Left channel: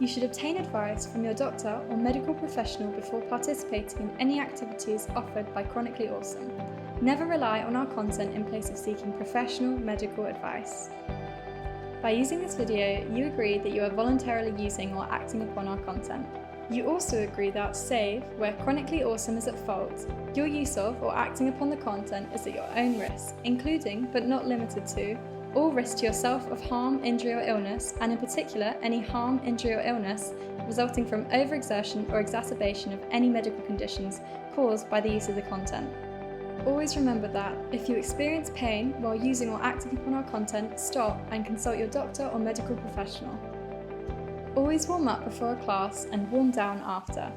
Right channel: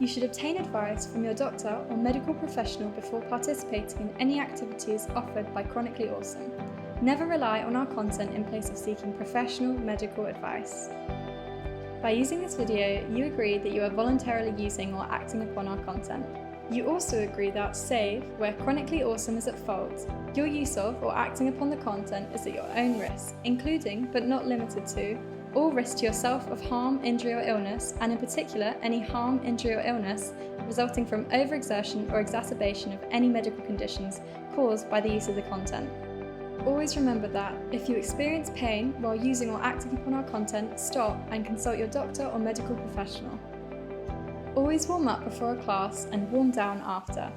You should obtain advice from your doctor or medical professional before participating in any activities offered by Chronically Awesome. Never rely on our content in place of seeking professional medical advice. By using this video, you agree that you are voluntarily using or acting upon our content. You also agree that, save where Chronically Awesome is at fault, your use of or acting upon the content is at your own risk, including, but not limited to, all risk to yourself of harm, injury or illness, and in particular any harm, injury or illness resulting from overexertion or exacerbation of any medical conditions caused by the use of the content. Always remember that, if you experience pain while using or acting upon our content, stop and consult your doctor or medical professional. Always warm up before a class and warm down after.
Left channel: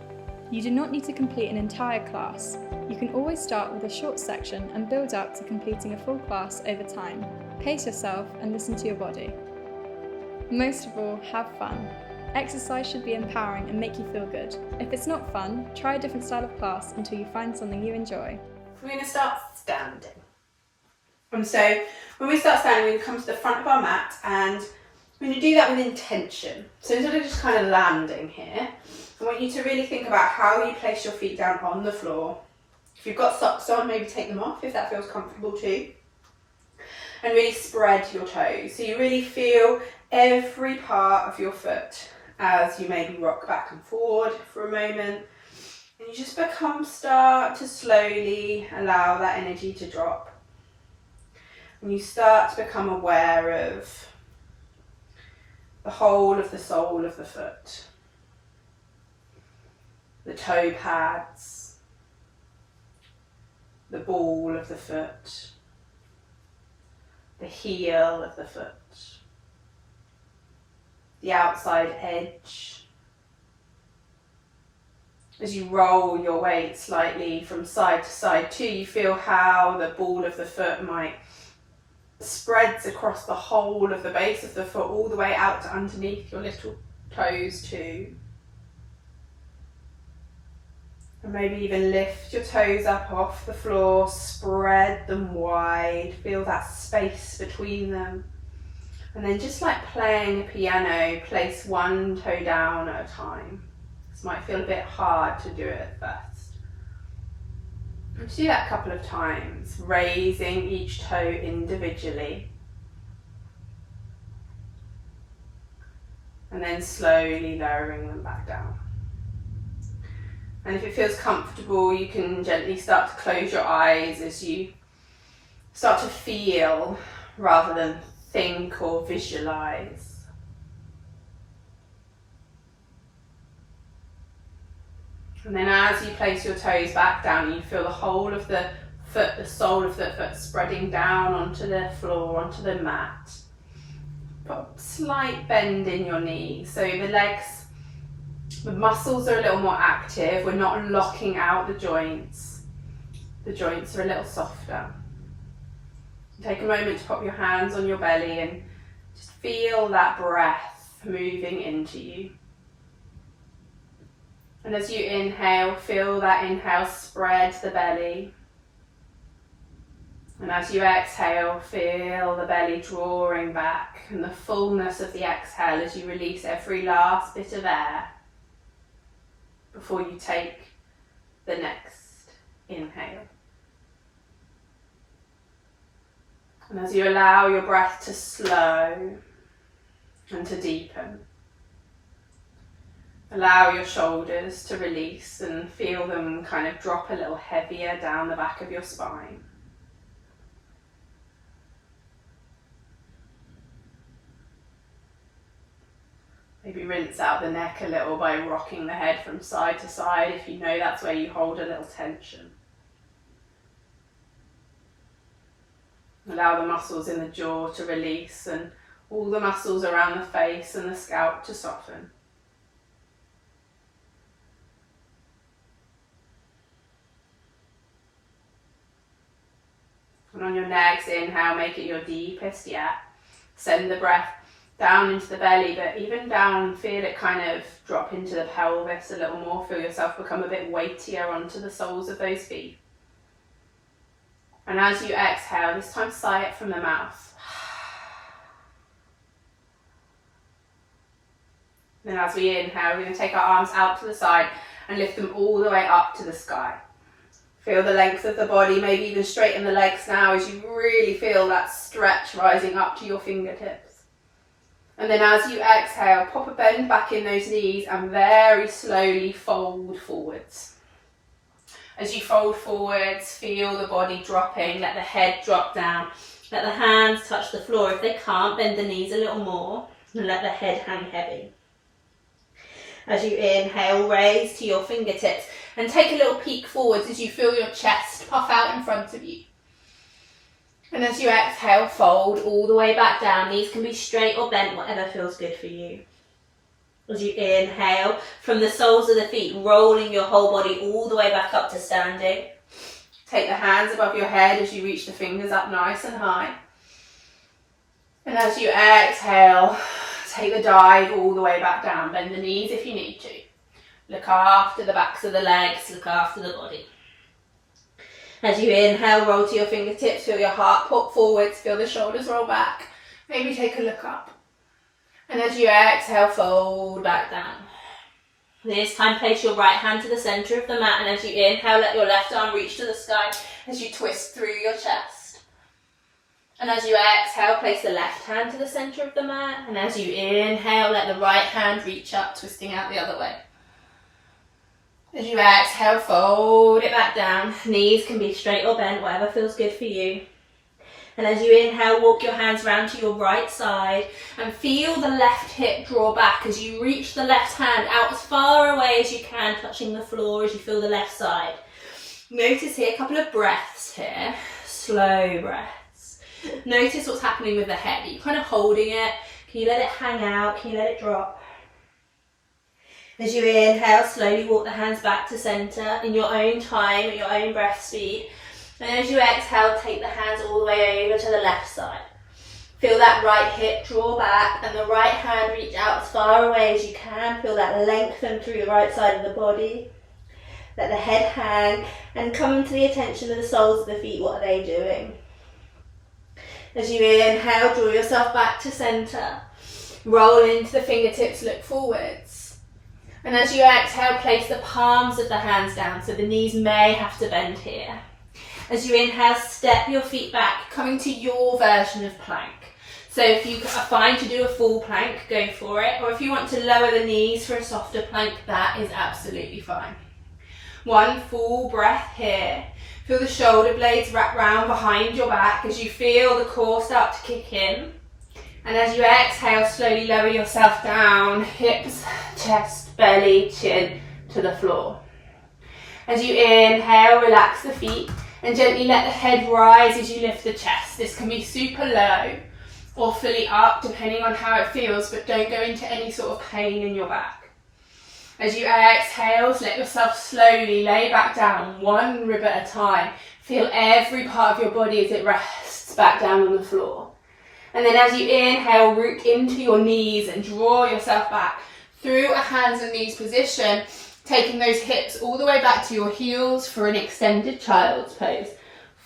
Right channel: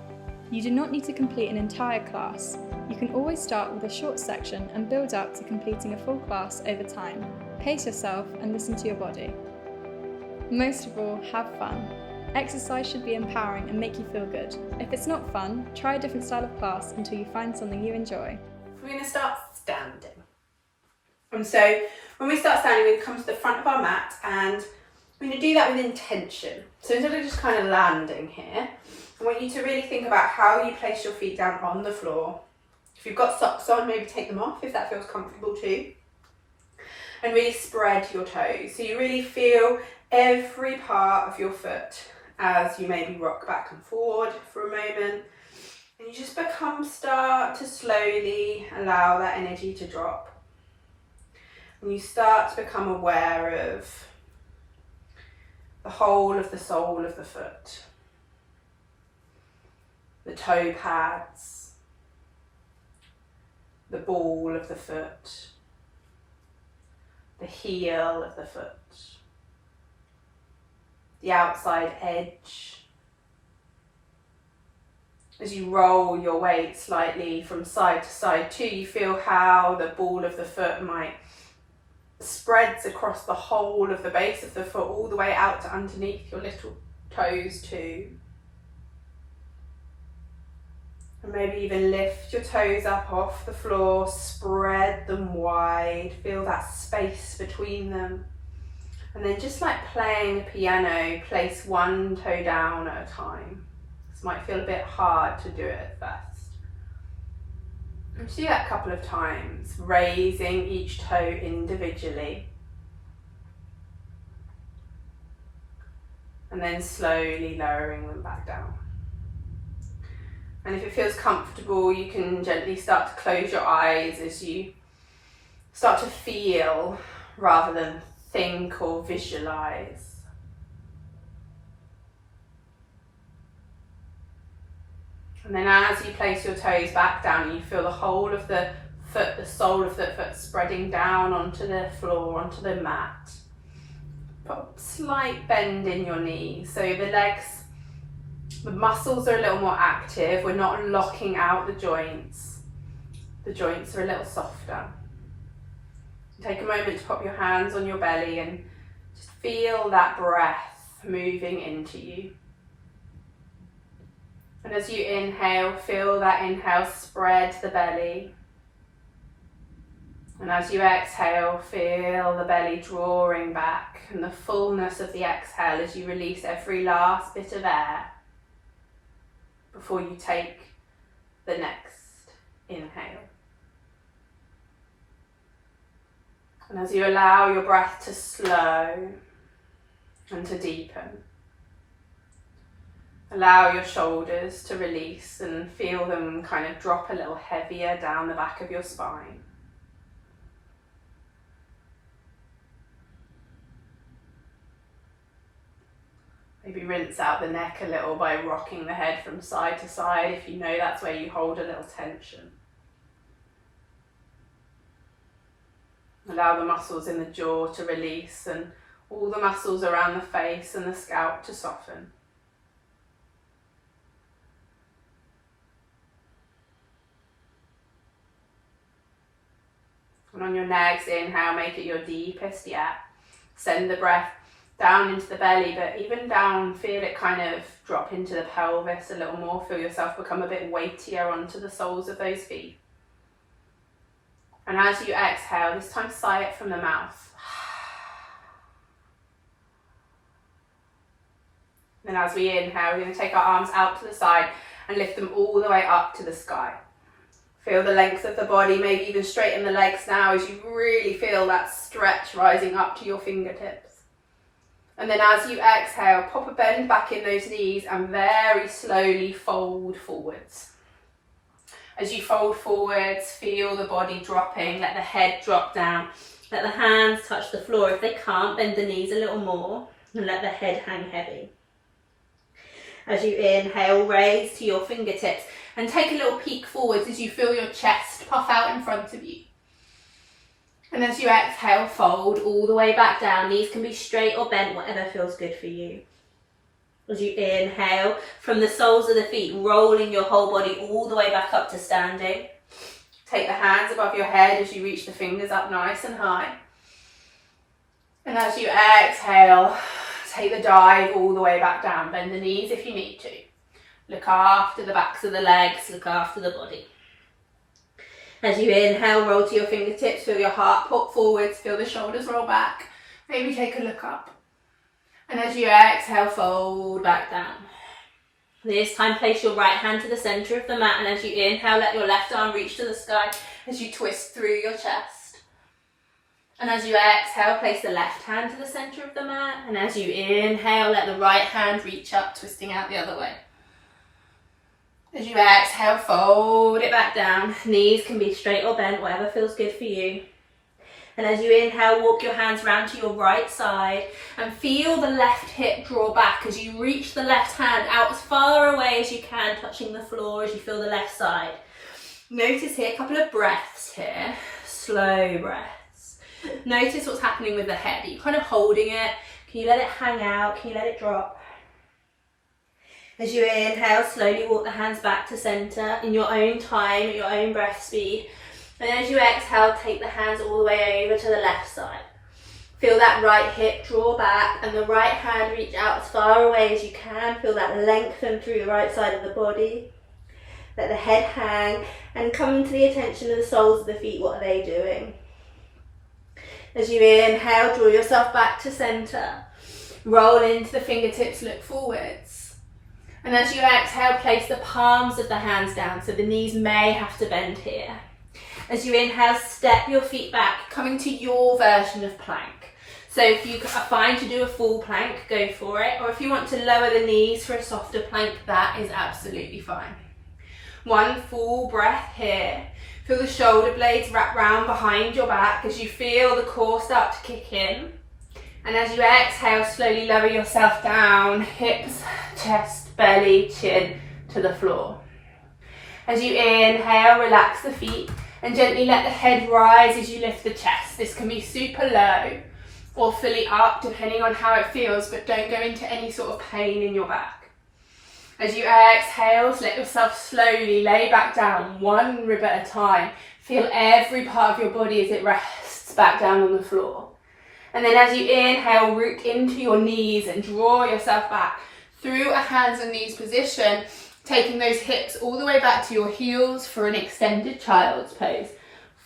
You do not need to complete an entire class. You can always start with a short section and build up to completing a full class over time. Pace yourself and listen to your body. Most of all, have fun. Exercise should be empowering and make you feel good. If it's not fun, try a different style of class until you find something you enjoy. We're going to start standing. And so when we start standing, we're going to come to the front of our mat and we're going to do that with intention. So instead of just kind of landing here, I want you to really think about how you place your feet down on the floor. If you've got socks on, maybe take them off if that feels comfortable too. And really spread your toes. So you really feel every part of your foot as you maybe rock back and forward for a moment. And you just start to slowly allow that energy to drop. And you start to become aware of the whole of the sole of the foot. The toe pads. The ball of the foot. The heel of the foot. The outside edge. As you roll your weight slightly from side to side too, you feel how the ball of the foot might spreads across the whole of the base of the foot all the way out to underneath your little toes too. And maybe even lift your toes up off the floor, spread them wide, feel that space between them. And then just like playing a piano, place one toe down at a time. This might feel a bit hard to do it at first. And do that a couple of times, raising each toe individually. And then slowly lowering them back down. And if it feels comfortable, you can gently start to close your eyes as you start to feel rather than think or visualize. And then as you place your toes back down, you feel the whole of the foot, the sole of the foot spreading down onto the floor, onto the mat. Put a slight bend in your knees, so the legs, the muscles are a little more active. We're not locking out the joints. The joints are a little softer. Take a moment to pop your hands on your belly and just feel that breath moving into you. And as you inhale, feel that inhale spread the belly. And as you exhale, feel the belly drawing back and the fullness of the exhale as you release every last bit of air before you take the next inhale. And as you allow your breath to slow and to deepen, allow your shoulders to release and feel them kind of drop a little heavier down the back of your spine. Maybe rinse out the neck a little by rocking the head from side to side if you know that's where you hold a little tension. Allow the muscles in the jaw to release and all the muscles around the face and the scalp to soften. And on your next inhale, make it your deepest yet. Send the breath down into the belly, but even down, feel it kind of drop into the pelvis a little more. Feel yourself become a bit weightier onto the soles of those feet. And as you exhale, this time sigh it from the mouth. Then as we inhale, we're going to take our arms out to the side and lift them all the way up to the sky. Feel the length of the body, maybe even straighten the legs now as you really feel that stretch rising up to your fingertips. And then as you exhale, pop a bend back in those knees and very slowly fold forwards. As you fold forwards, feel the body dropping, let the head drop down, let the hands touch the floor. If they can't, bend the knees a little more and let the head hang heavy. As you inhale, raise to your fingertips and take a little peek forwards as you feel your chest puff out in front of you. And as you exhale, fold all the way back down. Knees can be straight or bent, whatever feels good for you. As you inhale, from the soles of the feet, rolling your whole body all the way back up to standing. Take the hands above your head as you reach the fingers up nice and high. And as you exhale, take the dive all the way back down. Bend the knees if you need to. Look after the backs of the legs, look after the body. As you inhale, roll to your fingertips, feel your heart pop forwards, feel the shoulders roll back. Maybe take a look up. And as you exhale, fold back down. This time, place your right hand to the centre of the mat, and as you inhale, let your left arm reach to the sky as you twist through your chest. And as you exhale, place the left hand to the centre of the mat, and as you inhale, let the right hand reach up, twisting out the other way. As you exhale, fold it back down. Knees can be straight or bent, whatever feels good for you. And as you inhale, walk your hands round to your right side and feel the left hip draw back as you reach the left hand out as far away as you can, touching the floor as you feel the left side. Notice here, a couple of breaths here, slow breaths. Notice what's happening with the head. Are you kind of holding it? Can you let it hang out? Can you let it drop? As you inhale, slowly walk the hands back to centre in your own time, at your own breath speed. And as you exhale, take the hands all the way over to the left side. Feel that right hip draw back and the right hand reach out as far away as you can. Feel that lengthen through the right side of the body. Let the head hang and come to the attention of the soles of the feet. What are they doing? As you inhale, draw yourself back to centre. Roll into the fingertips, look forwards. And as you exhale, place the palms of the hands down, so the knees may have to bend here. As you inhale, step your feet back, coming to your version of plank. So if you are fine to do a full plank, go for it. Or if you want to lower the knees for a softer plank, that is absolutely fine. One full breath here. Feel the shoulder blades wrap round behind your back as you feel the core start to kick in. And as you exhale, slowly lower yourself down, hips, chest, belly, chin to the floor. As you inhale, relax the feet and gently let the head rise as you lift the chest. This can be super low or fully up depending on how it feels, but don't go into any sort of pain in your back. As you exhale, let yourself slowly lay back down, one rib at a time. Feel every part of your body as it rests back down on the floor. And then as you inhale, root into your knees and draw yourself back through a hands and knees position, taking those hips all the way back to your heels for an extended child's pose.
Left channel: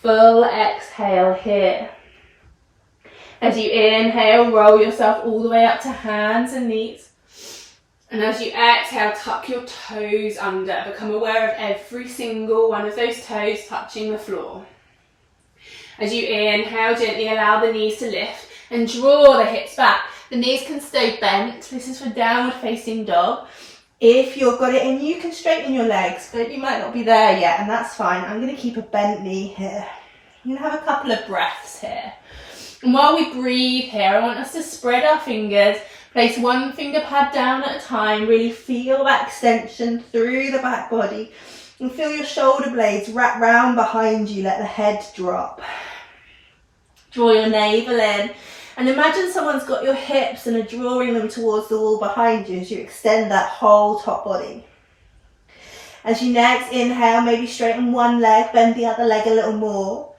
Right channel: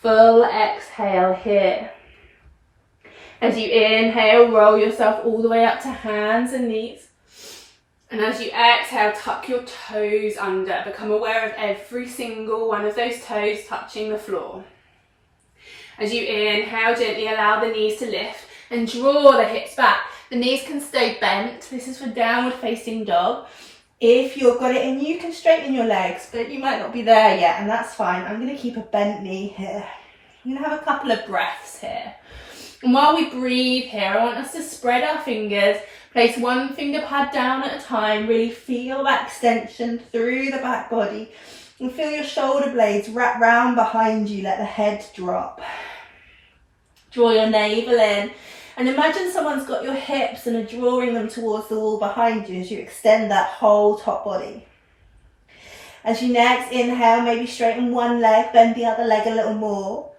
Full exhale here. As you inhale, roll yourself all the way up to hands and knees. And as you exhale, tuck your toes under. Become aware of every single one of those toes touching the floor. As you inhale, gently allow the knees to lift and draw the hips back. The knees can stay bent. This is for downward facing dog. If you've got it in, you can straighten your legs, but you might not be there yet, and that's fine. I'm going to keep a bent knee here. I'm going to have a couple of breaths here. And while we breathe here, I want us to spread our fingers, place one finger pad down at a time, really feel that extension through the back body, and feel your shoulder blades wrap round behind you, let the head drop. Draw your navel in. And imagine someone's got your hips and are drawing them towards the wall behind you as you extend that whole top body. As you next inhale, maybe straighten one leg, bend the other leg a little more.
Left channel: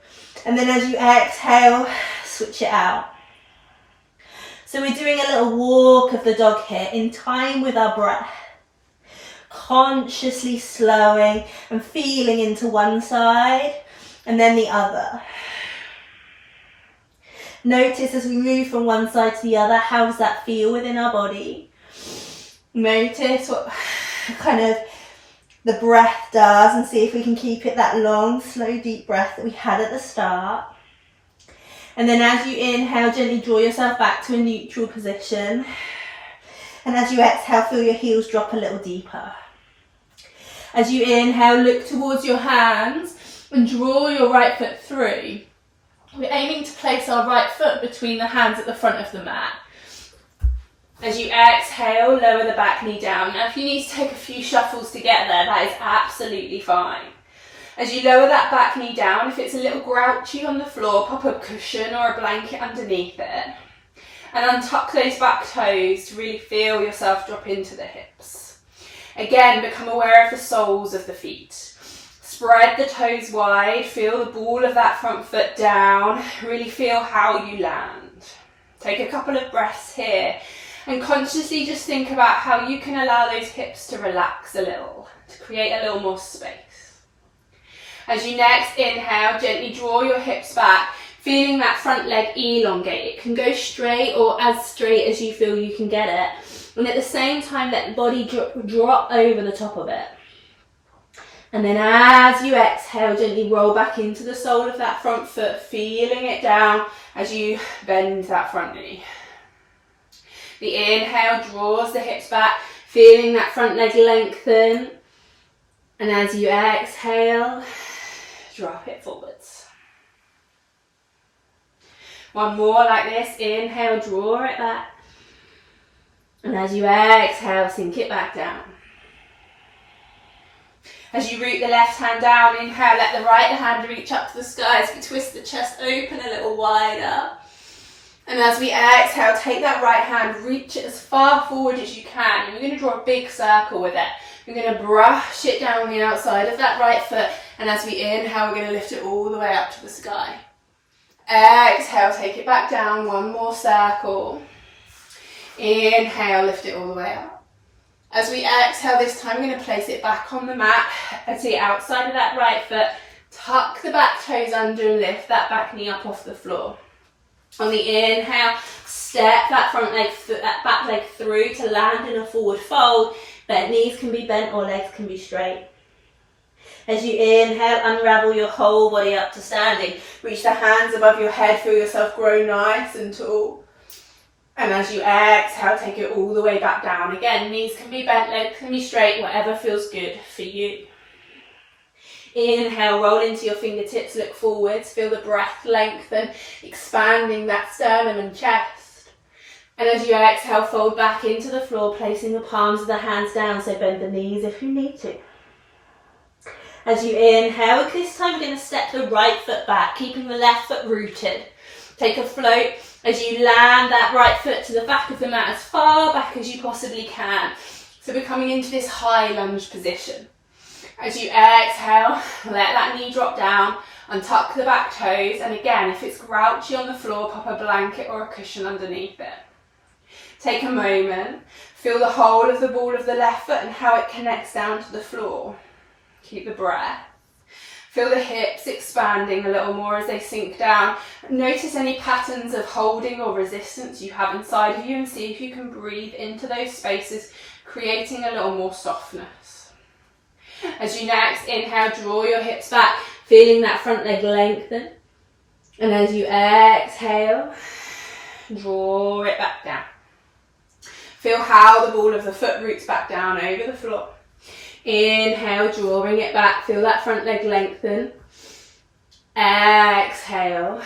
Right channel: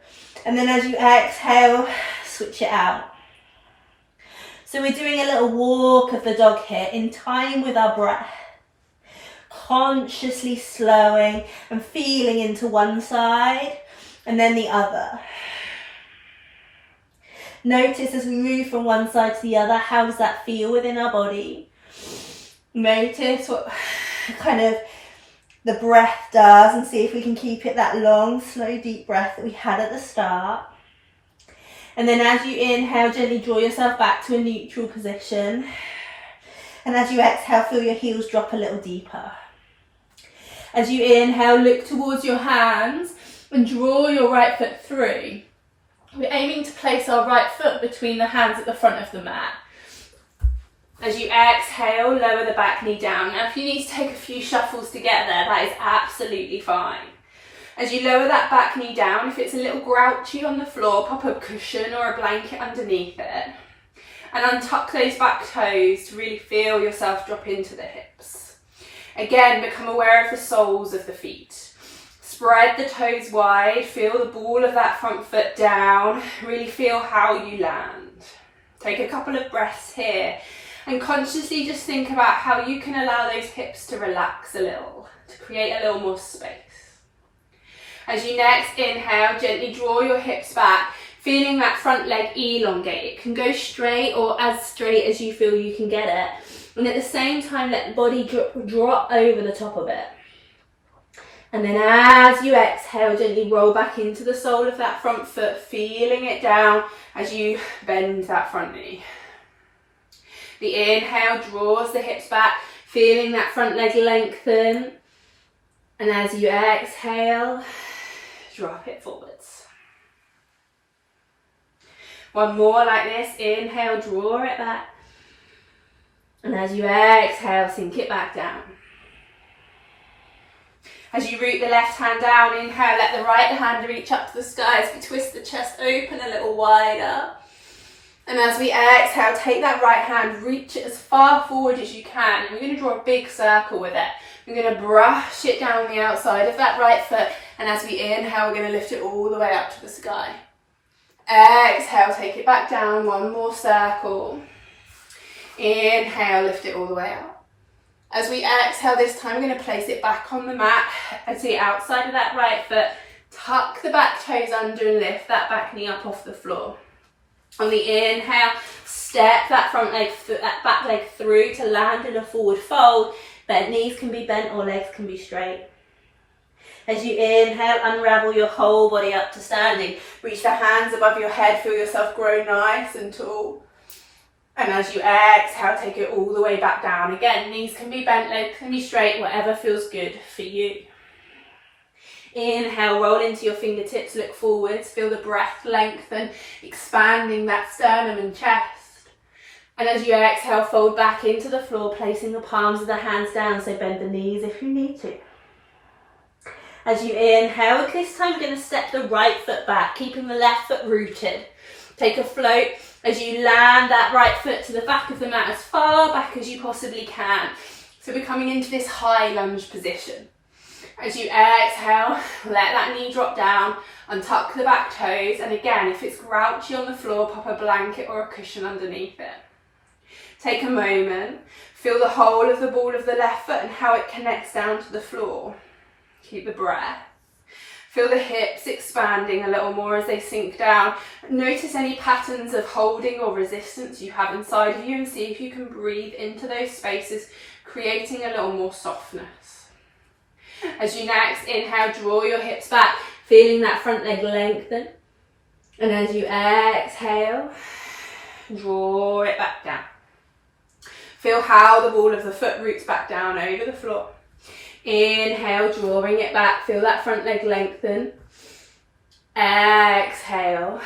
And then as you exhale, switch it out. So we're doing a little walk of the dog here in time with our breath. Consciously slowing and feeling into one side and then the other. Notice as we move from one side to the other, how does that feel within our body? Notice what kind of the breath does and see if we can keep it that long, slow, deep breath that we had at the start. And then as you inhale, gently draw yourself back to a neutral position. And as you exhale, feel your heels drop a little deeper. As you inhale, look towards your hands and draw your right foot through. We're aiming to place our right foot between the hands at the front of the mat. As you exhale, lower the back knee down. Now, if you need to take a few shuffles to get there, that is absolutely fine. As you lower that back knee down, if it's a little grouchy on the floor, pop a cushion or a blanket underneath it. And untuck those back toes to really feel yourself drop into the hips. Again, become aware of the soles of the feet. Spread the toes wide, feel the ball of that front foot down, really feel how you land. Take a couple of breaths here and consciously just think about how you can allow those hips to relax a little, to create a little more space. As you next inhale, gently draw your hips back, feeling that front leg elongate. It can go straight or as straight as you feel you can get it. And at the same time, let the body drop over the top of it. And then as you exhale, gently roll back into the sole of that front foot, feeling it down as you bend that front knee. The inhale draws the hips back, feeling that front leg lengthen. And as you exhale, drop it forwards. One more like this. Inhale, draw it back. And as you exhale, sink it back down. As you root the left hand down, inhale, let the right hand reach up to the sky as we twist the chest open a little wider. And as we exhale, take that right hand, reach it as far forward as you can. And you're going to draw a big circle with it. You're going to brush it down the outside of that right foot. And as we inhale, we're going to lift it all the way up to the sky. Exhale, take it back down, one more circle. Inhale, lift it all the way up. As we exhale this time, we're going to place it back on the mat at the outside of that right foot. Tuck the back toes under and lift that back knee up off the floor. On the inhale, step that front leg, that back leg through to land in a forward fold. Bent knees can be bent or legs can be straight. As you inhale, unravel your whole body up to standing. Reach the hands above your head, feel yourself grow nice and tall. And as you exhale, take it all the way back down. Again, knees can be bent, legs can be straight, whatever feels good for you. Inhale, roll into your fingertips, look forwards, feel the breath lengthen, expanding that sternum and chest. And as you exhale, fold back into the floor, placing the palms of the hands down, so bend the knees if you need to. As you inhale, this time we're going to step the right foot back, keeping the left foot rooted. Take a float as you land that right foot to the back of the mat as far back as you possibly can. So we're coming into this high lunge position. As you exhale, let that knee drop down, untuck the back toes, and again, if it's grouchy on the floor, pop a blanket or a cushion underneath it. Take a moment, feel the whole of the ball of the left foot and how it connects down to the floor. Keep the breath. Feel the hips expanding a little more as they sink down. Notice any patterns of holding or resistance you have inside of you and see if you can breathe into those spaces, creating a little more softness. As you next inhale, draw your hips back, feeling that front leg lengthen. And as you exhale, draw it back down. Feel how the ball of the foot roots back down over the floor. Inhale, drawing it back, feel that front leg lengthen. Exhale,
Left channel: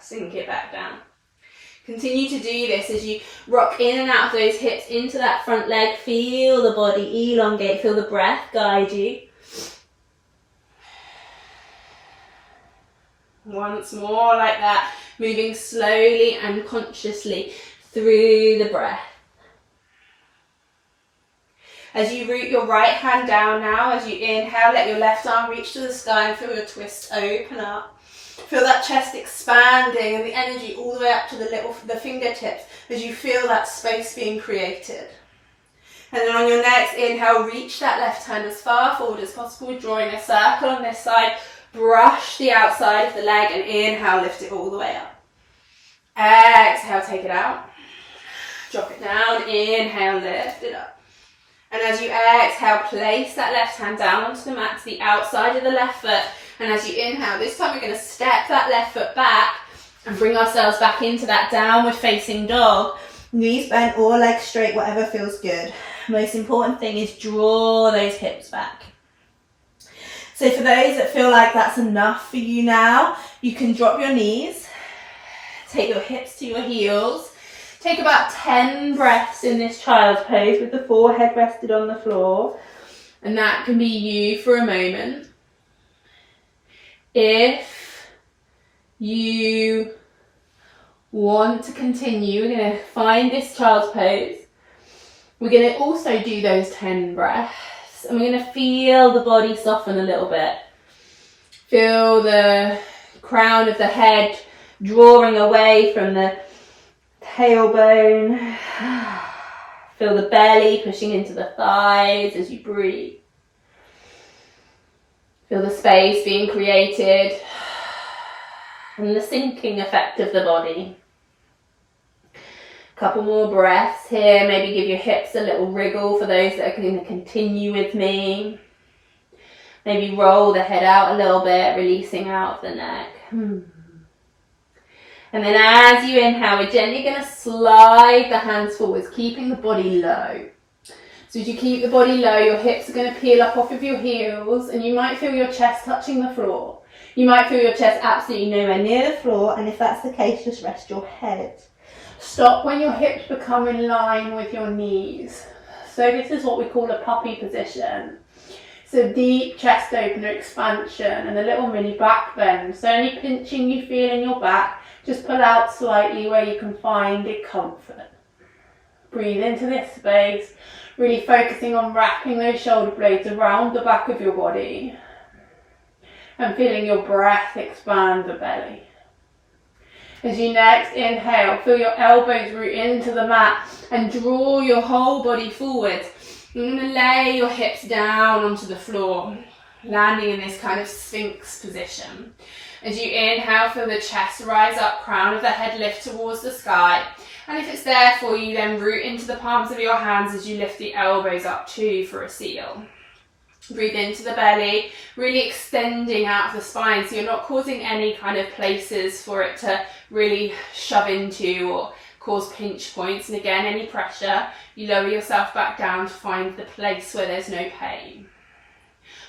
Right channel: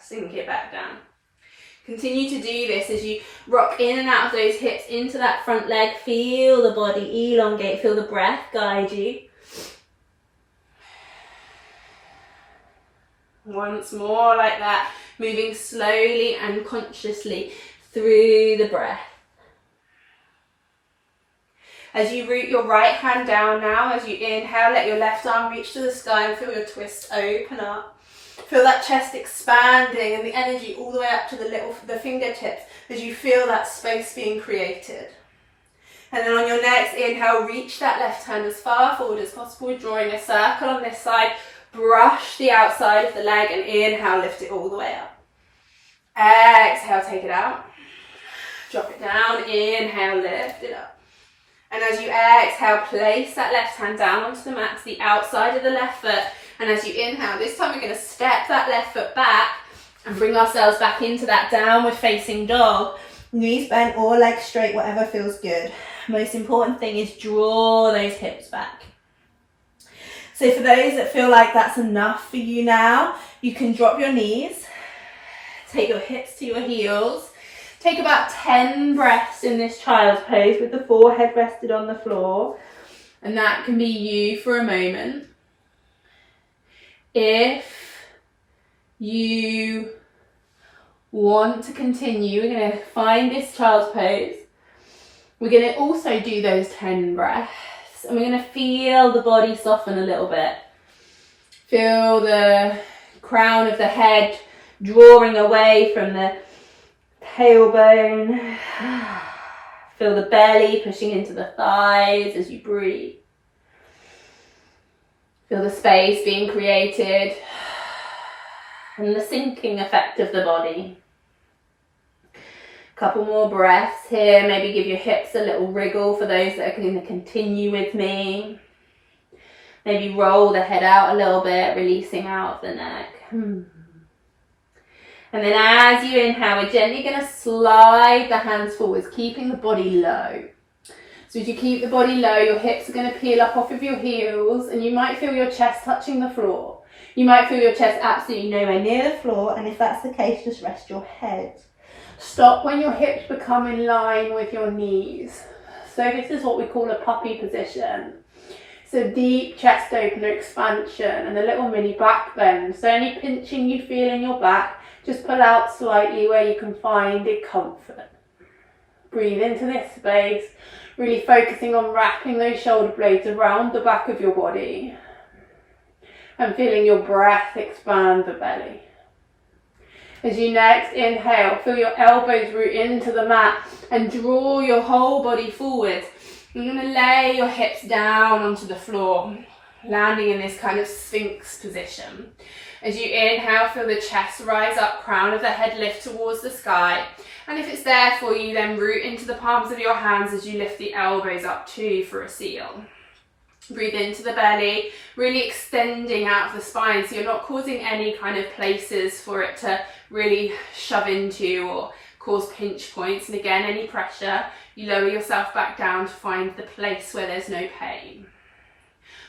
sink it back down. Continue to do this as you rock in and out of those hips into that front leg. Feel the body elongate, feel the breath guide you. Once more like that, moving slowly and consciously through the breath. As you root your right hand down now, as you inhale, let your left arm reach to the sky and feel your twist open up. Feel that chest expanding and the energy all the way up to the fingertips as you feel that space being created. And then on your next inhale, reach that left hand as far forward as possible, drawing a circle on this side. Brush the outside of the leg and inhale, lift it all the way up. Exhale, take it out. Drop it down, inhale, lift it up. And as you exhale, place that left hand down onto the mat to the outside of the left foot. And as you inhale, this time we're going to step that left foot back and bring ourselves back into that downward facing dog. Knees bent or legs straight, whatever feels good. Most important thing is draw those hips back. So for those that feel like that's enough for you now, you can drop your knees, take your hips to your heels, take about 10 breaths in this child's pose with the forehead rested on the floor. And that can be you for a moment. If you want to continue, we're going to find this child's pose. We're going to also do those 10 breaths, and we're going to feel the body soften a little bit. Feel the crown of the head drawing away from the tailbone. Feel the belly pushing into the thighs as you breathe. Feel the space being created and the sinking effect of the body. Couple more breaths here. Maybe give your hips a little wriggle for those that are going to continue with me. Maybe roll the head out a little bit, releasing out of the neck. And then as you inhale, we're gently going to slide the hands forwards, keeping the body low. So as you keep the body low, your hips are going to peel up off of your heels, and you might feel your chest touching the floor. You might feel your chest absolutely nowhere near the floor, and if that's the case, just rest your head. Stop when your hips become in line with your knees. So this is what we call a puppy position. So deep chest opener expansion and a little mini back bend. So any pinching you feel in your back, just pull out slightly where you can find it comfort. Breathe into this space, really focusing on wrapping those shoulder blades around the back of your body and feeling your breath expand the belly. As you next inhale, feel your elbows root into the mat and draw your whole body forward. You're going to lay your hips down onto the floor, landing in this kind of sphinx position. As you inhale, feel the chest rise up, crown of the head lift towards the sky. And if it's there for you, then root into the palms of your hands as you lift the elbows up too for a seal. Breathe into the belly, really extending out of the spine so you're not causing any kind of places for it to really shove into or cause pinch points. And again, any pressure, you lower yourself back down to find the place where there's no pain.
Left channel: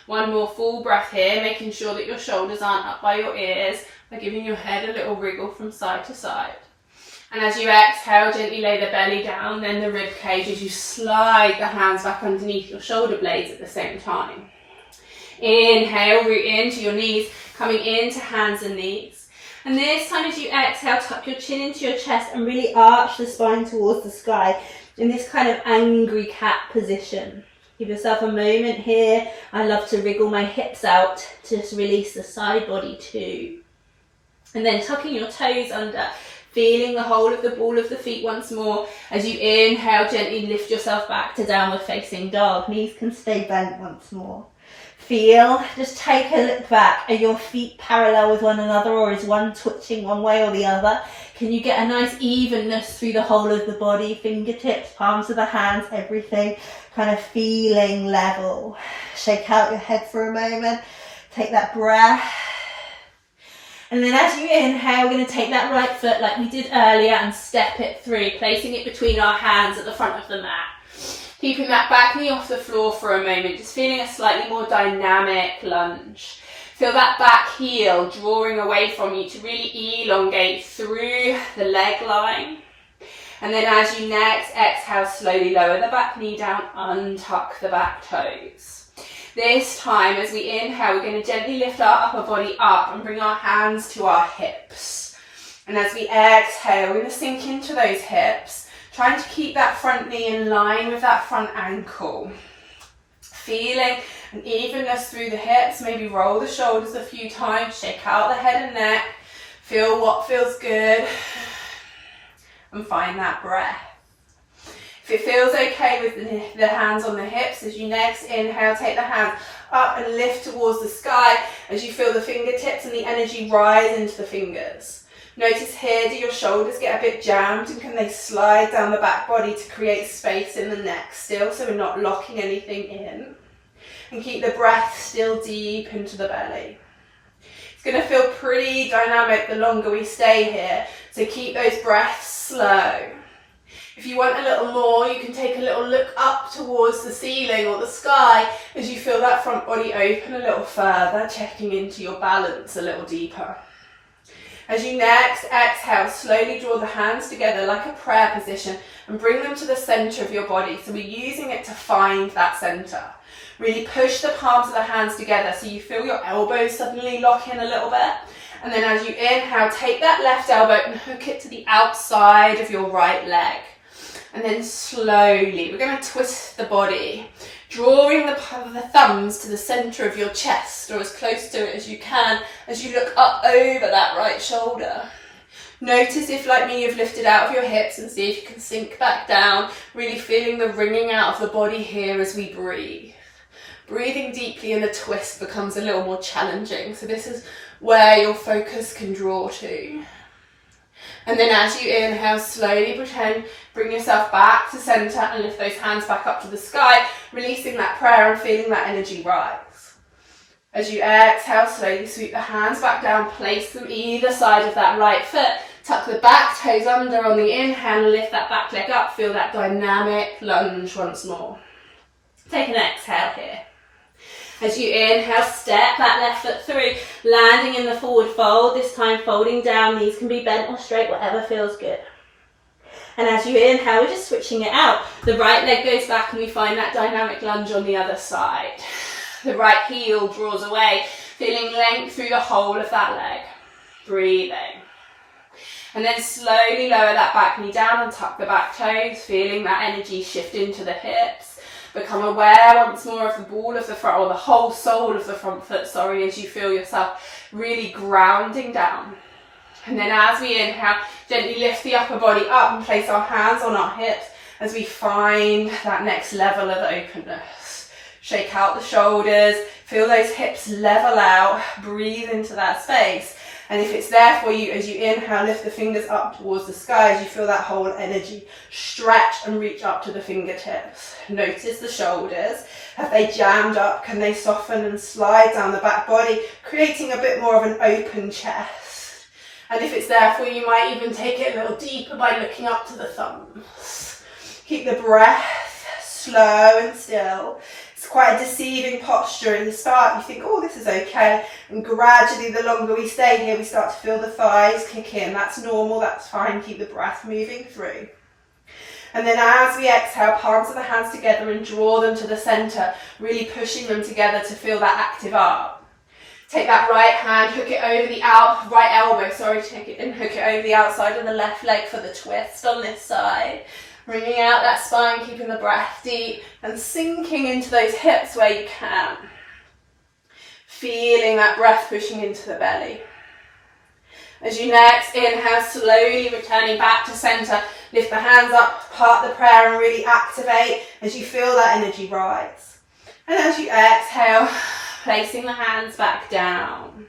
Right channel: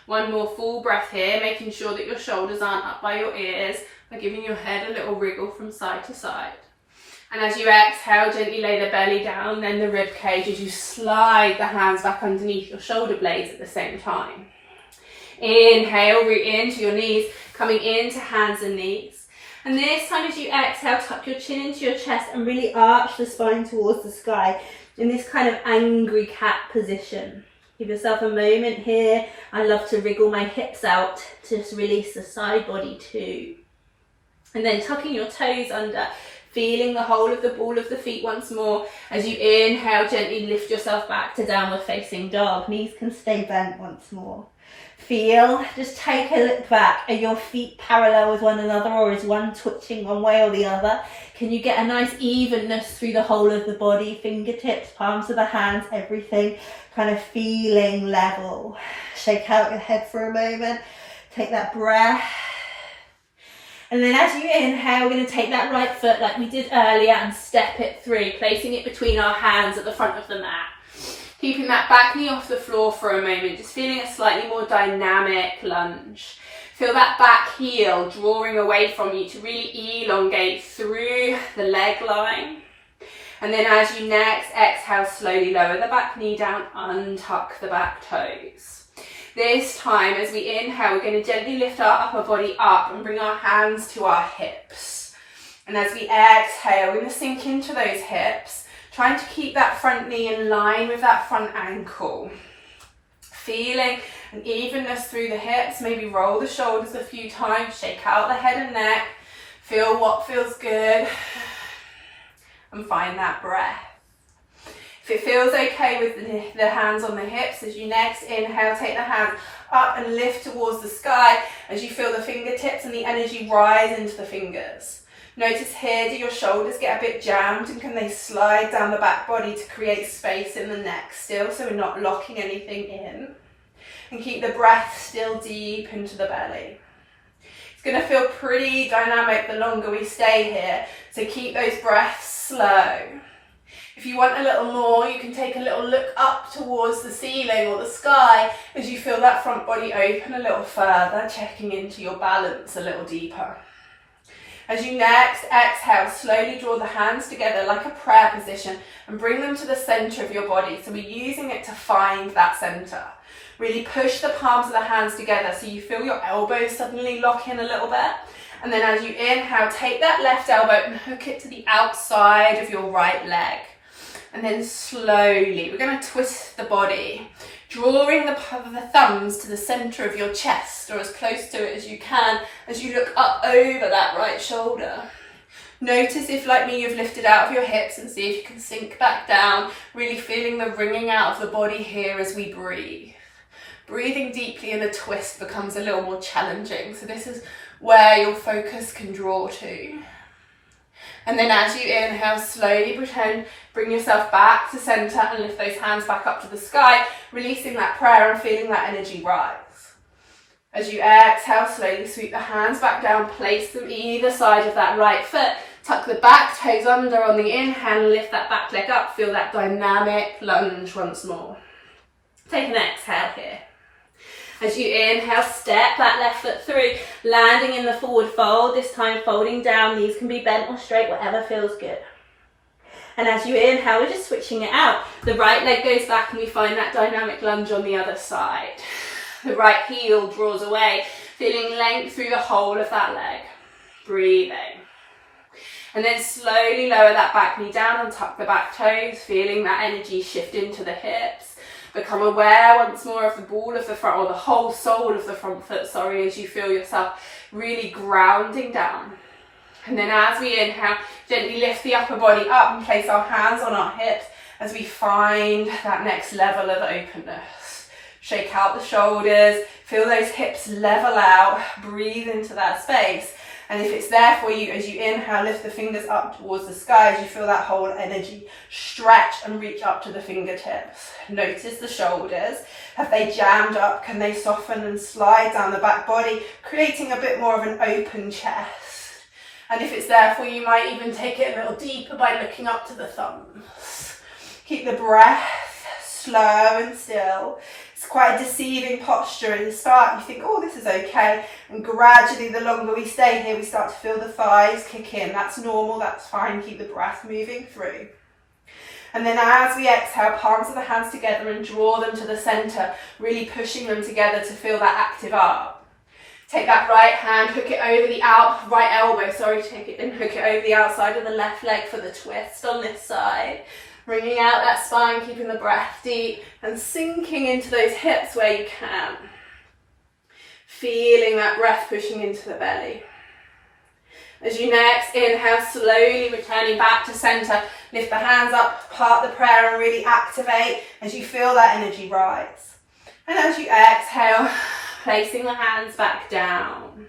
One more full breath here, making sure that your shoulders aren't up by your ears by giving your head a little wriggle from side to side. And as you exhale, gently lay the belly down, then the rib cage as you slide the hands back underneath your shoulder blades at the same time. Inhale, root into your knees, coming into hands and knees. And this time as you exhale, tuck your chin into your chest and really arch the spine towards the sky in this kind of angry cat position. Give yourself a moment here. I love to wriggle my hips out to just release the side body too. And then tucking your toes under, feeling the whole of the ball of the feet once more. As you inhale, gently lift yourself back to downward facing dog. Knees can stay bent once more. Feel, just take a look back. Are your feet parallel with one another, or is one twitching one way or the other? Can you get a nice evenness through the whole of the body? Fingertips, palms of the hands, everything kind of feeling level. Shake out your head for a moment. Take that breath. And then as you inhale, we're going to take that right foot like we did earlier and step it through, placing it between our hands at the front of the mat. Keeping that back knee off the floor for a moment, just feeling a slightly more dynamic lunge. Feel that back heel drawing away from you to really elongate through the leg line. And then as you next exhale, slowly lower the back knee down, untuck the back toes. This time, as we inhale, we're going to gently lift our upper body up and bring our hands to our hips. And as we exhale, we're going to sink into those hips, trying to keep that front knee in line with that front ankle. Feeling an evenness through the hips, maybe roll the shoulders a few times, shake out the head and neck, feel what feels good, and find that breath. If it feels okay with the hands on the hips, as you next inhale, take the hands up and lift towards the sky as you feel the fingertips and the energy rise into the fingers. Notice here, do your shoulders get a bit jammed and can they slide down the back body to create space in the neck still, so we're not locking anything in. And keep the breath still deep into the belly. It's going to feel pretty dynamic the longer we stay here, so keep those breaths slow. If you want a little more, you can take a little look up towards the ceiling or the sky as you feel that front body open a little further, checking into your balance a little deeper. As you next exhale, slowly draw the hands together like a prayer position and bring them to the center of your body. So we're using it to find that center. Really push the palms of the hands together so you feel your elbows suddenly lock in a little bit. And then as you inhale, take that left elbow and hook it to the outside of your right leg. And then slowly, we're going to twist the body, drawing the thumbs to the center of your chest or as close to it as you can as you look up over that right shoulder. Notice if, like me, you've lifted out of your hips and see if you can sink back down, really feeling the wringing out of the body here as we breathe. Breathing deeply in a twist becomes a little more challenging, so this is where your focus can draw to. And then as you inhale, slowly bring yourself back to center and lift those hands back up to the sky, releasing that prayer and feeling that energy rise. As you exhale, slowly sweep the hands back down, place them either side of that right foot, tuck the back toes under on the inhale, lift that back leg up, feel that dynamic lunge once more. Take an exhale here. As you inhale, step that left foot through, landing in the forward fold, this time folding down. Knees can be bent or straight, whatever feels good. And as you inhale, we're just switching it out. The right leg goes back and we find that dynamic lunge on the other side. The right heel draws away, feeling length through the whole of that leg. Breathing. And then slowly lower that back knee down and tuck the back toes, feeling that energy shift into the hips. Become aware once more of the ball of the front, or the whole sole of the front foot, as you feel yourself really grounding down. And then as we inhale, gently lift the upper body up and place our hands on our hips as we find that next level of openness. Shake out the shoulders, feel those hips level out, breathe into that space. And if it's there for you, as you inhale, lift the fingers up towards the sky as you feel that whole energy stretch and reach up to the fingertips. Notice the shoulders. Have they jammed up? Can they soften and slide down the back body, creating a bit more of an open chest? And if it's there for you, you might even take it a little deeper by looking up to the thumbs. Keep the breath slow and still. It's quite a deceiving posture in the start. You think, oh, this is okay. And gradually, the longer we stay here, we start to feel the thighs kick in. That's normal, that's fine. Keep the breath moving through. And then as we exhale, palms of the hands together and draw them to the center, really pushing them together to feel that active arm. Take that right hand, hook it over the right elbow, take it and hook it over the outside of the left leg for the twist on this side. Bringing out that spine, keeping the breath deep and sinking into those hips where you can. Feeling that breath pushing into the belly. As you next inhale, slowly returning back to center, lift the hands up, part the prayer and really activate as you feel that energy rise. And as you exhale, placing the hands back down.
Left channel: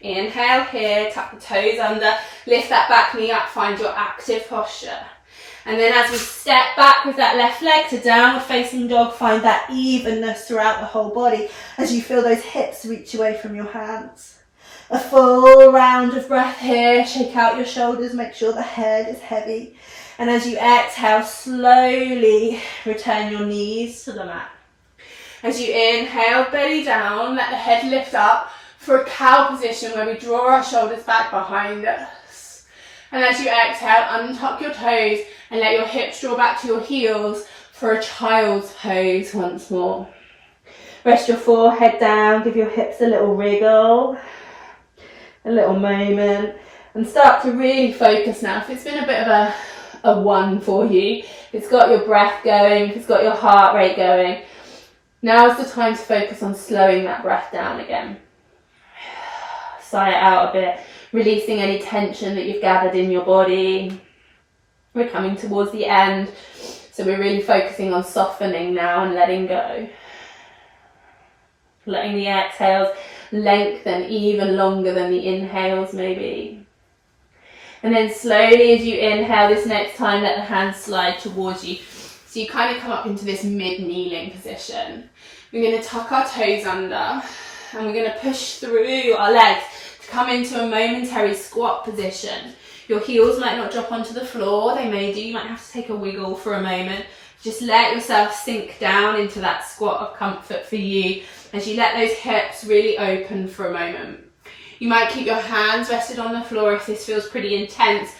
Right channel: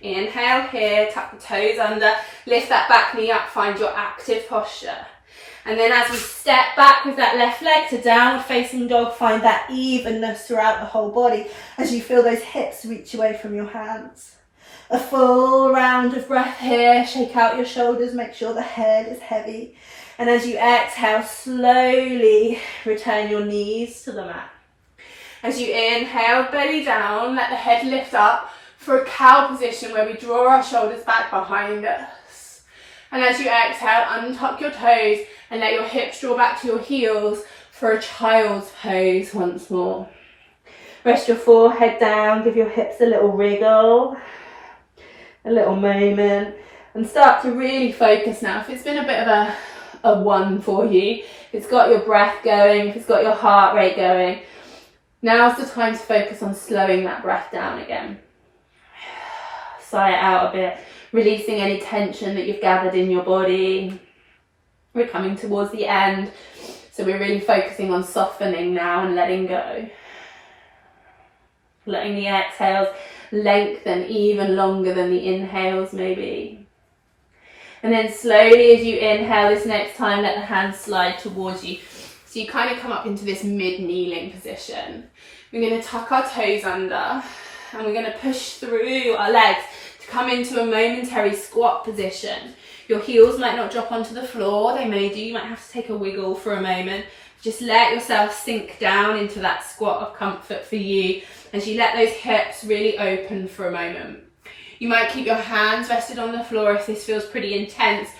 Inhale here, tuck the toes under, lift that back knee up, find your active posture. And then as we step back with that left leg to downward facing dog, find that evenness throughout the whole body as you feel those hips reach away from your hands. A full round of breath here, shake out your shoulders, make sure the head is heavy. And as you exhale, slowly return your knees to the mat. As you inhale, belly down, let the head lift up for a cow position where we draw our shoulders back behind us. And as you exhale, untuck your toes and let your hips draw back to your heels for a child's pose once more. Rest your forehead down, give your hips a little wriggle, a little moment, and start to really focus now. If it's been a bit of a one for you, if it's got your breath going, if it's got your heart rate going, now's the time to focus on slowing that breath down again. Sigh it out a bit. Releasing any tension that you've gathered in your body. We're coming towards the end, so we're really focusing on softening now and letting go. Letting the exhales lengthen even longer than the inhales maybe. And then slowly as you inhale this next time, let the hands slide towards you. So you kind of come up into this mid-kneeling position. We're going to tuck our toes under and we're going to push through our legs to come into a momentary squat position. Your heels might not drop onto the floor, they may do, you might have to take a wiggle for a moment. Just let yourself sink down into that squat of comfort for you as you let those hips really open for a moment. You might keep your hands rested on the floor if this feels pretty intense,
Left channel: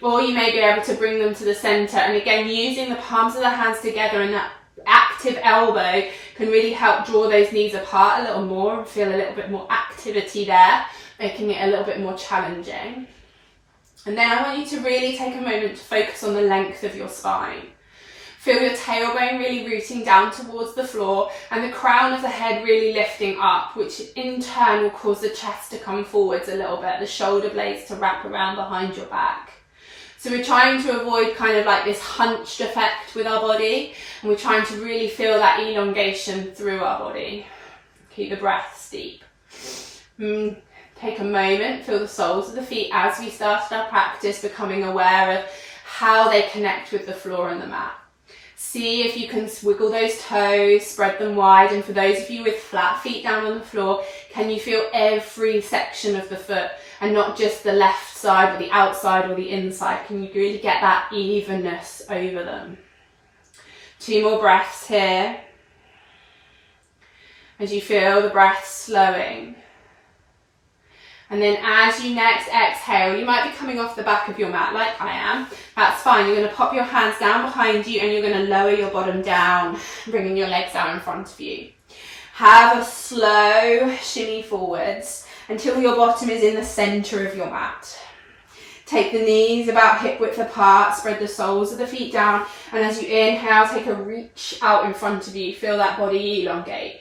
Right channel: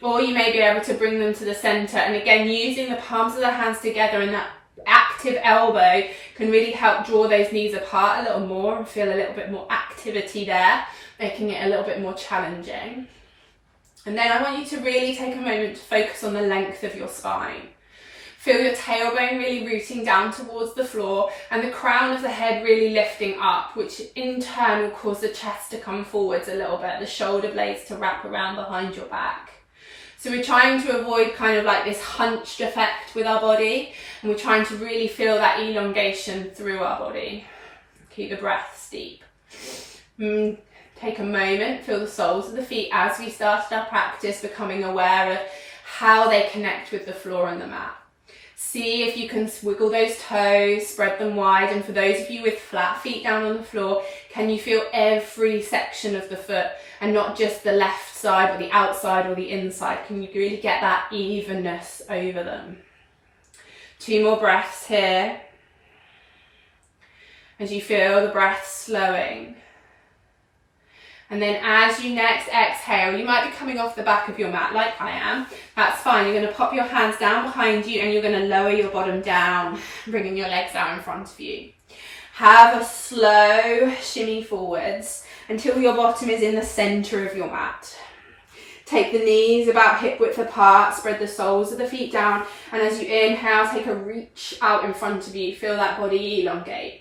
or you may be able to bring them to the center. And again, using the palms of the hands together and that active elbow can really help draw those knees apart a little more and feel a little bit more activity there, making it a little bit more challenging. And then I want you to really take a moment to focus on the length of your spine. Feel your tailbone really rooting down towards the floor and the crown of the head really lifting up, which in turn will cause the chest to come forwards a little bit, the shoulder blades to wrap around behind your back. So we're trying to avoid kind of like this hunched effect with our body, and we're trying to really feel that elongation through our body. Keep the breath deep. Take a moment, feel the soles of the feet as we started our practice, becoming aware of how they connect with the floor and the mat. See if you can wiggle those toes, spread them wide, and for those of you with flat feet down on the floor, can you feel every section of the foot and not just the left side or the outside or the inside? Can you really get that evenness over them? 2 more breaths here as you feel the breath slowing. And then as you next exhale, you might be coming off the back of your mat like I am. That's fine. You're going to pop your hands down behind you and you're going to lower your bottom down, bringing your legs out in front of you. Have a slow shimmy forwards until your bottom is in the center of your mat. Take the knees about hip width apart, spread the soles of the feet down, and as you inhale, take a reach out in front of you. Feel that body elongate.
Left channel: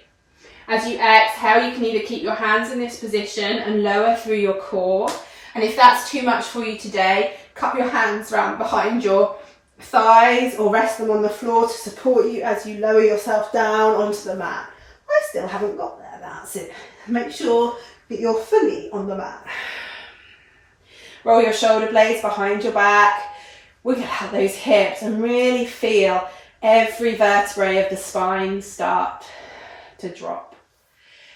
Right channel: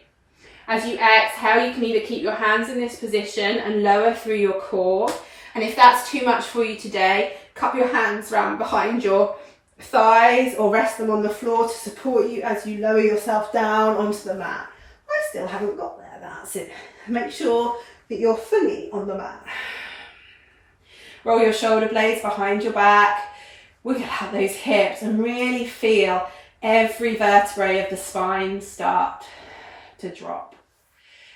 As you exhale, you can either keep your hands in this position and lower through your core. And if that's too much for you today, cup your hands round behind your thighs or rest them on the floor to support you as you lower yourself down onto the mat. I still haven't got there, that's it. Make sure that you're fully on the mat. Roll your shoulder blades behind your back. Wiggle out those hips and really feel every vertebrae of the spine start to drop.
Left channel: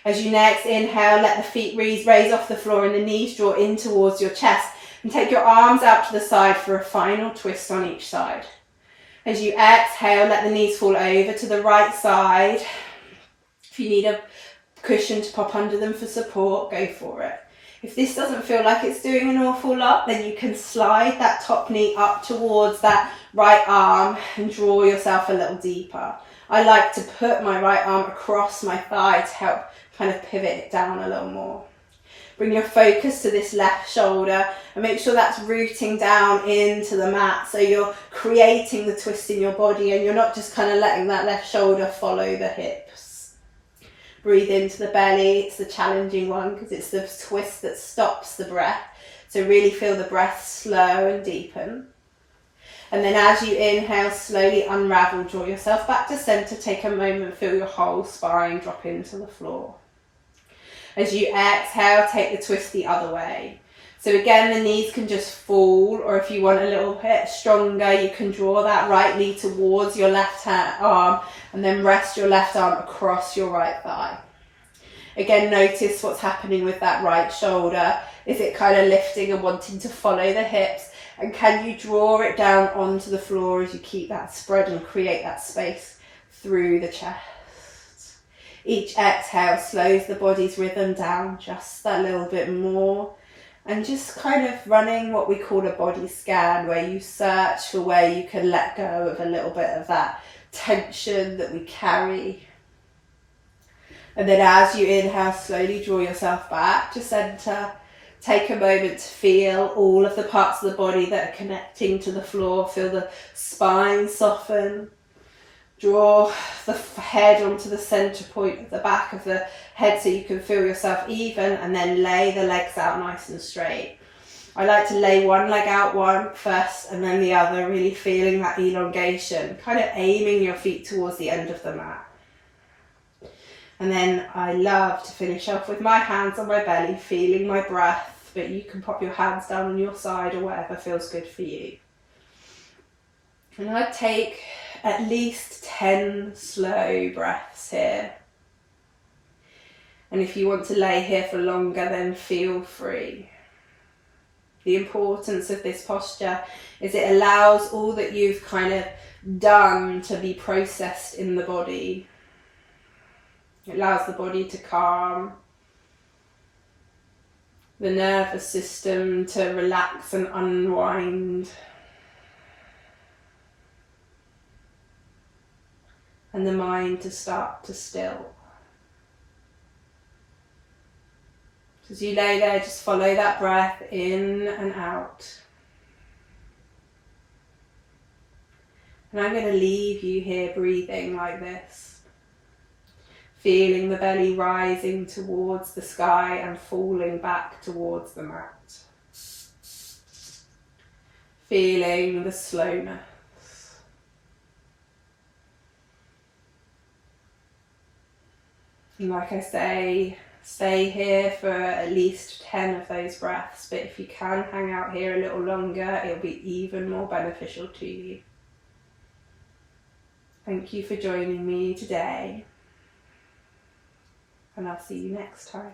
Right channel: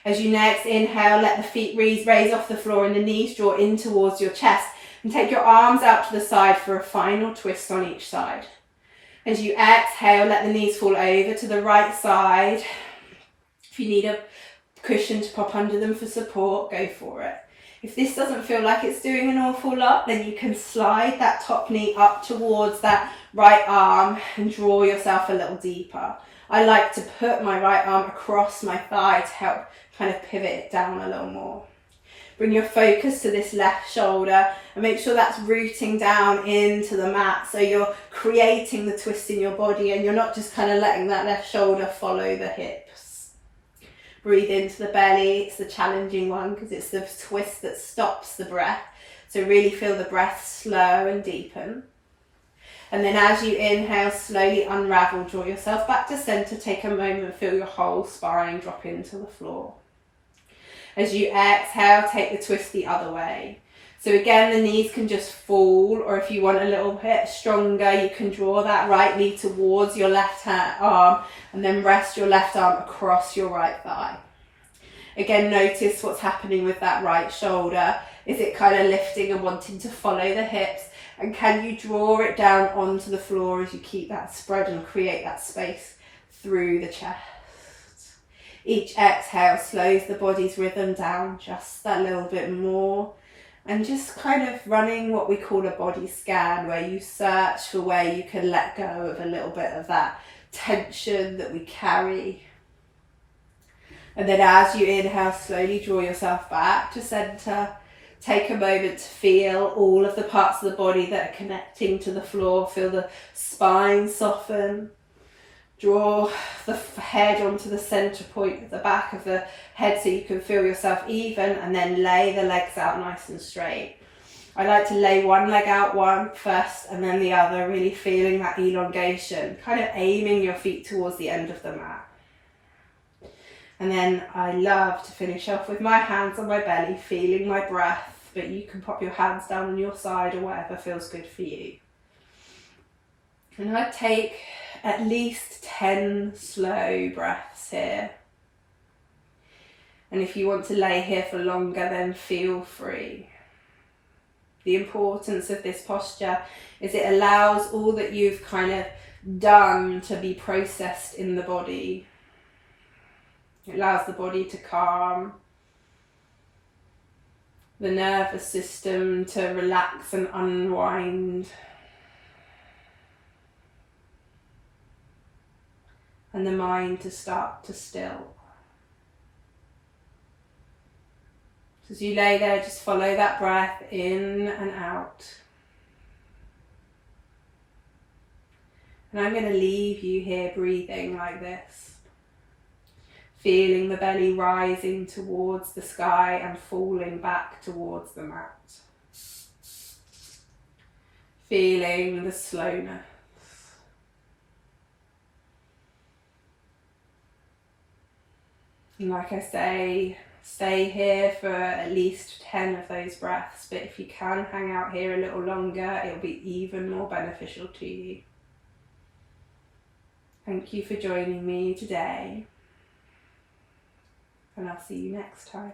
As you next inhale, let the feet raise off the floor and the knees draw in towards your chest, and take your arms out to the side for a final twist on each side. As you exhale, let the knees fall over to the right side. If you need a cushion to pop under them for support, go for it. If this doesn't feel like it's doing an awful lot, then you can slide that top knee up towards that right arm and draw yourself a little deeper. I like to put my right arm across my thigh to help kind of pivot it down a little more. Bring your focus to this left shoulder and make sure that's rooting down into the mat, so you're creating the twist in your body and you're not just kind of letting that left shoulder follow the hips. Breathe into the belly. It's the challenging one because it's the twist that stops the breath. So really feel the breath slow and deepen. And then as you inhale, slowly unravel, draw yourself back to center, take a moment, feel your whole spine drop into the floor. As you exhale, take the twist the other way. So again, the knees can just fall, or if you want a little bit stronger, you can draw that right knee towards your left arm and then rest your left arm across your right thigh. Again, notice what's happening with that right shoulder. Is it kind of lifting and wanting to follow the hips? And can you draw it down onto the floor as you keep that spread and create that space through the chest? Each exhale slows the body's rhythm down just that little bit more. And just kind of running what we call a body scan, where you search for where you can let go of a little bit of that tension that we carry. And then as you inhale, slowly draw yourself back to center. Take a moment to feel all of the parts of the body that are connecting to the floor. Feel the spine soften. Draw the head onto the center point of the back of the head so you can feel yourself even, and then lay the legs out nice and straight. I like to lay one leg out first and then the other, really feeling that elongation, kind of aiming your feet towards the end of the mat. And then I love to finish off with my hands on my belly, feeling my breath but you can pop your hands down on your side or whatever feels good for you. And I'd take at least 10 slow breaths here. And if you want to lay here for longer, then feel free. The importance of this posture is it allows all that you've kind of done to be processed in the body. It allows the body to calm, the nervous system to relax and unwind, and the mind to start to still. So as you lay there, just follow that breath in and out. And I'm going to leave you here breathing like this, feeling the belly rising towards the sky and falling back towards the mat. Feeling the slowness. And like I say, stay here for at least 10 of those breaths, but if you can hang out here a little longer, it'll be even more beneficial to you. Thank you for joining me today, and I'll see you next time.